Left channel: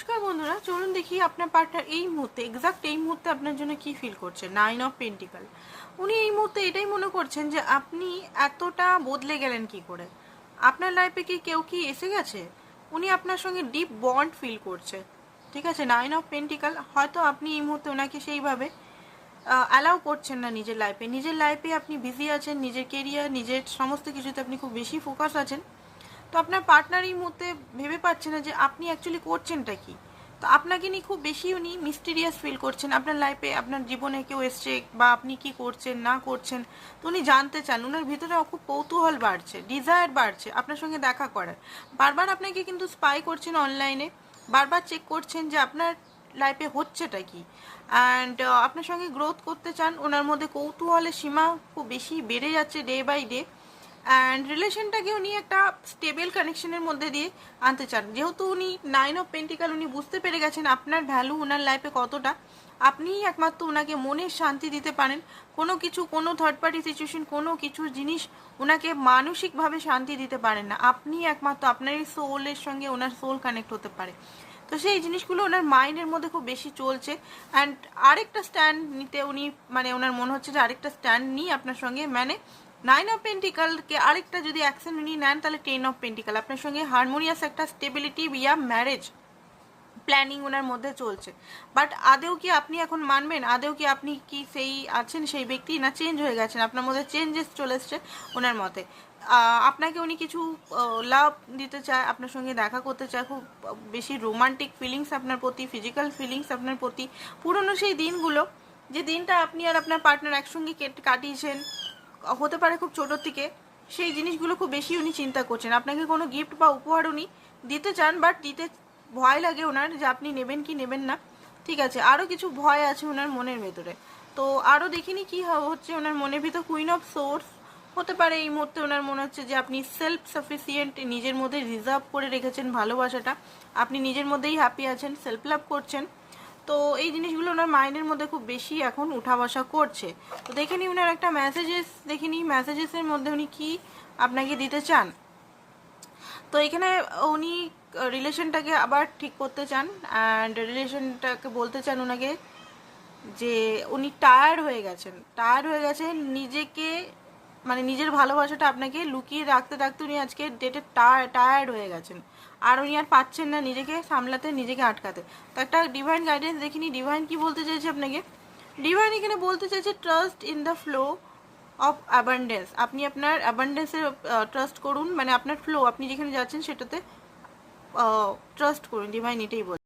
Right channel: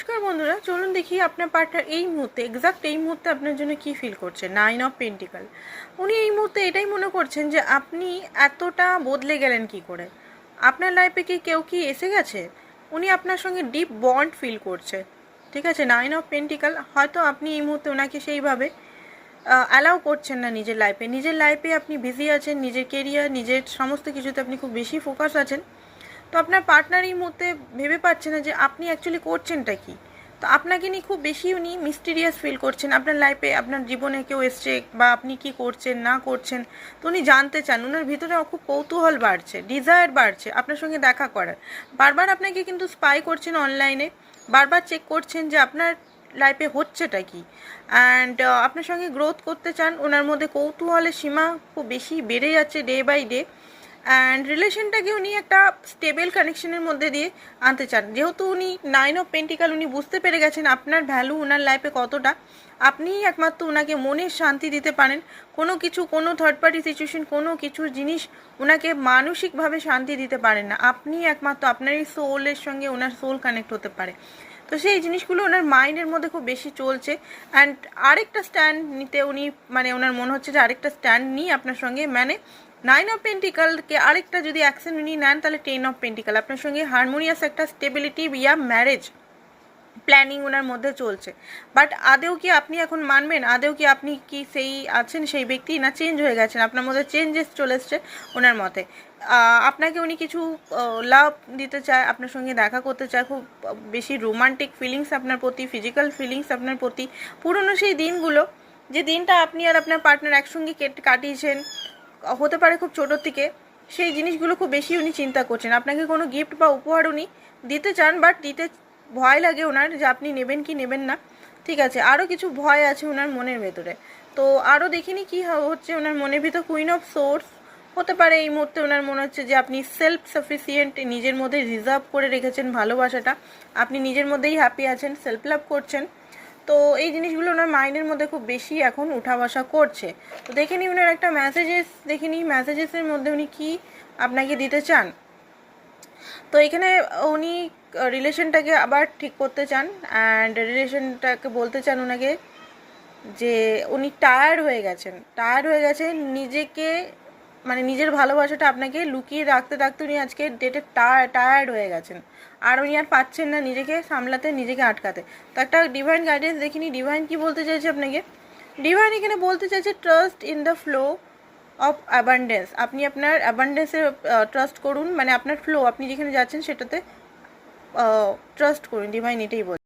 নমস্কার বন্ধুরা, চলুন দেখি আপনার পার্টনার এই মুহূর্তে এক্সাক্ট এই মুহূর্তে আপনার জন্য কি ফিল করছে। 9 অফ পেন্টিকাল। উনি এই মুহূর্তে এটাই মনে করছেন যে আপনি এতটা বদলে গেলেন কি করে। আপনার লাইফে কি কেউ কি এসে গেছে? উনি আপনার সঙ্গে ডিপ বন্ড ফিল করছে। ঠিক আছে, 9 অফ পেন্টিকাল। হয়তো আপনি এই মুহূর্তে ওনাকে সেইভাবে অ্যালাউ করছেন না নিজের লাইফে আপনি বিজি আছেন, নিজের কেরিয়ার, নিজের সমস্ত কিছুতে আপনি খুব বেশি ফোকাস আছেন। তো আপনার পার্টনার এই মুহূর্তে ভেবে পাচ্ছে না যে আপনি অ্যাকচুয়ালি করছেনটা কি। তো আপনাকে নিয়ে খুব বেশি উনি মিস্টিরিয়াস ফিল করছেন। আপনার লাইফে, আপনার জীবনে কেউ এসছে বা আপনি কি করছেন না করছেন, তো উনি জানতে চান। ওনার ভিতরে খুব কৌতূহল বাড়ছে, ডিজায়ার বাড়ছে আপনার সঙ্গে দেখা করার। বারবার আপনাকে কিন্তু স্পাই করছেন অনলাইনে, বারবার চেক করছেন যে আপনার লাইফে হচ্ছেটা কি। অ্যান্ড আপনার সঙ্গে গ্রোথ করতে চান। ওনার মধ্যে কৌতূহলের সীমা খুব বেশি বেড়ে যাচ্ছে ডে বাই ডে। অ্যান্ড রিলেশনটাকে উনি একটা স্টেবল কানেকশনের মধ্যে দিয়ে আনতে চান। যেহেতু উনি 9 অফ পেন্টিকাল, উনি বুঝতে পেরে গেছেন আপনার ভ্যালু ওনার লাইফে কতটা। আপনিই একমাত্র ওনাকে মনের শান্তি দিতে পারেন। কোনো কিছু, কোনো থার্ড পার্টি সিচুয়েশন, কোনো কিছু জিনিস ওনাকে মানসিকভাবে শান্তি দিতে পারেন না। আপনিই একমাত্র, আপনার এই সোলের সঙ্গে ওনার সোল কানেক্ট হতে পারে। তো সেই জিনিসগুলো ওনার মাইন্ডের মধ্যে খুব বেশি চলছে। অ্যান্ড আরেকটা স্ট্যান্ড নিতে উনি, মানে ওনার মনে হচ্ছে যে আরেকটা স্ট্যান্ড নিই আপনার সঙ্গে, মানে 9 অফ পেন্টিকালকে আরেকটা যদি অ্যাকশন উনি নেন, তাহলে 10 অফ পেন্টিকাল। আপনার সঙ্গে হারমোনিয়াস একটা স্টেবিলিটি ইয়া ম্যারেজ প্ল্যানিং ওনার মধ্যে চলছে। বাট আদেও কি আপনি এখন মানবেন? আদেও কি আপনি কি সেই আছেন সেই ব্যক্তি, না চেঞ্জ হয়ে গেছেন? আপনার মধ্যে চেঞ্জেস চলে এসছে ওনার মতে। আপনাকে উনি কিছু লাভ দিতে চায়, আপনার সঙ্গে দেখা করতে চায়, খুব বেশি রোমান্টিক ফিলিংস আপনার প্রতি, ফিজিক্যাল ফিলিংস আপনার প্রতি। পুরনো সেই দিনগুলো, যে দিনটা আপনি আর আপনার পার্টনার একসঙ্গে কাটিয়েছেন, হতে পারে খুব ছোটোর থেকে, সেই জিনিসগুলো খুব বেশি উনি চিন্তা করছেন। আপনাকে কোনো গিফট বা উপহার উনি দিতে চান, বাট দিতে ভয় লাগে ওনার, যে আপনি নেবেন কি নেবেন না। ঠিক আছে, আরও কিছু ভয় আছে ওনার মনের ভেতরে। তো আরও দেখিনি কি হচ্ছে ওনার মনের ভিতর। কুইন অফ সোর্স হতে পারে এই মুহূর্তে ওনার মনে হচ্ছে যে আপনি সেলফ সাফিসিয়েন্ট, নিজের মধ্যে রিজার্ভ করে রেখেছেন ভালোবাসাটা, আপনি নিজের মধ্যেই হ্যাপি আছেন, সেলফ লাভ করছেন। তো এই জিনিসগুলো ওনার মাইন্ডের মধ্যে খুব বেশি এখন উঠা বসা করছে। তো দেখে নিই ওনার একটা মেসেজেস, দেখে নিই মেসেজেসের মধ্যে উনি কি আপনাকে দিতে চান। তো এখানে উনি রিলেশনটাকে আবার ঠিক করতে চান। অ্যান্ড রিলেশনটাকে বলতে চান ওনাকে যে উনি টায়ার্ড হয়ে গেছেন নিজেকে, মানে নিজের ভালোবাসাটা আপনাকে লুকিয়ে রাখতে রাখতে উনি আজকে ডেটে টায়ার্ড হয়ে গেছেন। আর উনি আর পাচ্ছেন না নিজেকে সামলাতে, নিজেকে আটকাতে। তো একটা ডিভাইন গাইডেন্স দেখিনি, ডিভাইন কি বলতে চাইছে আপনাকে। ডিভাইন এখানে বলতে চাইছে trust in the flow of abundance. আপনি আপনার অ্যাবান্ডেন্সে ট্রাস্ট করুন, মানে আপনার ফ্লো, আপনি যেখানে যাচ্ছেন সেটাতে ট্রাস্ট করুন। ডিভাইন এটাই বলছে।